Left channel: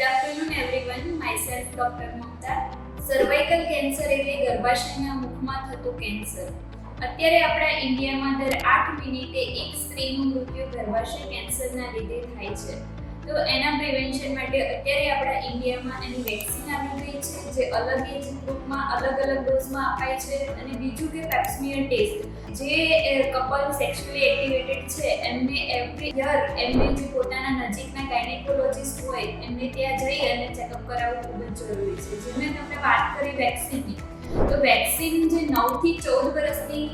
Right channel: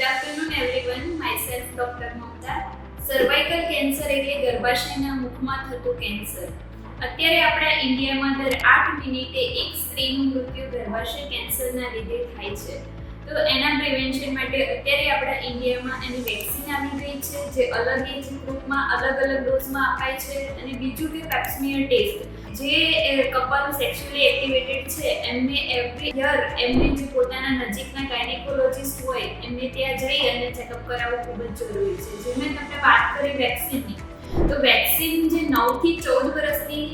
Good afternoon everyone. Myself Dr. Mamta. Cervical cancer એટલે ગર્ભાશયના મુખમાં થતું cancer. અત્યારે આપણા ઇન્ડિયામાં દર 8 મિનિટે એક સ્ત્રીનું મૃત્યુ ગર્ભાશય કેન્સરના લીધે થાય છે. તો એના પ્રિવેન્શન માટે અત્યારે આપણા ઇન્ડિયામાં એની વેક્સિન આવી ગઈ છે, જે અલગ એજ ગ્રુપમાં અલગ ડોઝમાં અપાય છે. અને બીજું કે પેપ્સમિયર ટેસ્ટ, જે કપલ સેક્સ્યુઅલી એક્ટિવેટેડ છે એમને એવરી યર એમને જે પોતાના નજીકના ગાયનેકોલોજિસ્ટ હોય એમને ત્યાં જઈ અને ચેકઅપ કરાવવું ખૂબ જ જરૂરી છે. જે મેં તમને વાત કરી વેક્સિનની, તો વેક્સિન જે 9 થી 14 વર્ષની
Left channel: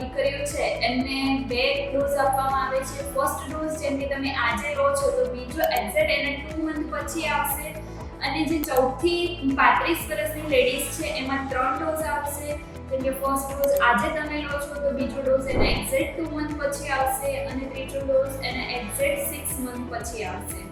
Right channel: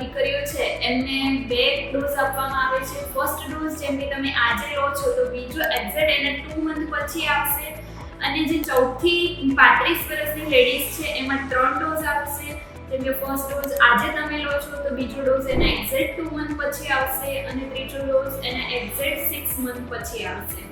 દીકરીઓ છે એમને 2 ડોઝ આપવામાં આવે છે. ફર્સ્ટ ડોઝ જેમ કે તમે આજે લો છો તો બીજો એક્ઝેક્ટ એને 2 મંથ પછી આવશે. અને જે 14 થી 35 વર્ષની લેડીઝ છે એમાં 3 ડોઝ આવશે. જેમ કે ફર્સ્ટ ડોઝ આજે તમે લો છો તો બીજો ડોઝ એને એક્ઝેક્ટ 2 મંથ પછી આવશે અને ત્રીજો ડોઝ એને એક્ઝેક્ટ 6 મંથ પછી આવશે.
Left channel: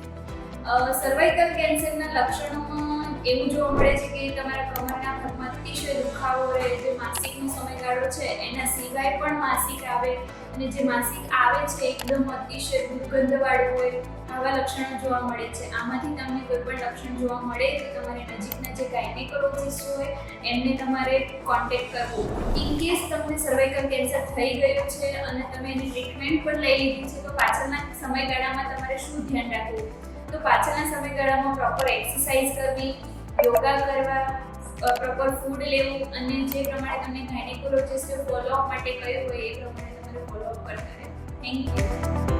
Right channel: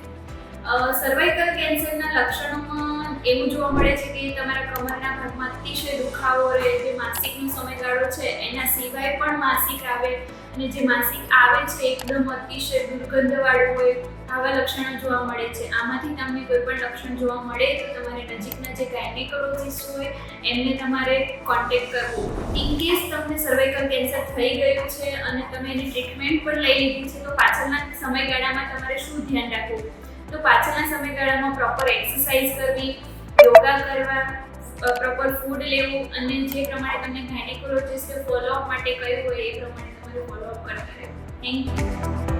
સર્વાઇકલ કેન્સરના લક્ષણોમાં એવું જોવા મળે છે કે તમારા કમરના ભાગમાં અતિશય દુખાવો રહે, જે માસિકનો સમયગાળો છે એના સિવાય પણ માસિક આવે, અને જે માસિક આવે છે એકદમ અતિશય દુર્ગંધવાળું હોય, આવા લક્ષણો જોવા મળે છે. આમાંથી તમને કોઈ પણ લક્ષણ જોવા મળે તો તમારે નજીકના જે ગાયનેકોલોજિસ્ટ હોય એમને તમારે કોન્ટેક્ટ કરવો. ઇન કેસ તમને સર્વાઇકલ કેન્સર થઈ ગયું છે અને તમે એની ટ્રીટમેન્ટ પણ લઈ લીધી છે, તો પાછળના સમયગાળામાં તમારે શું ધ્યાન રાખવું? તો પાછળના સમયગાળામાં પ્રોપર એક્સરસાઇઝ કરવી, યોગા કરવા, પ્રોપર ફૂડ લેવું, અને જે પ્રમાણે તમને ગાયનેકોલોજિસ્ટે ફોલોઅપ માટે કહ્યું હોય એ પ્રમાણે તમારે ફોલોઅપ કરતા રહેવું. Thank you.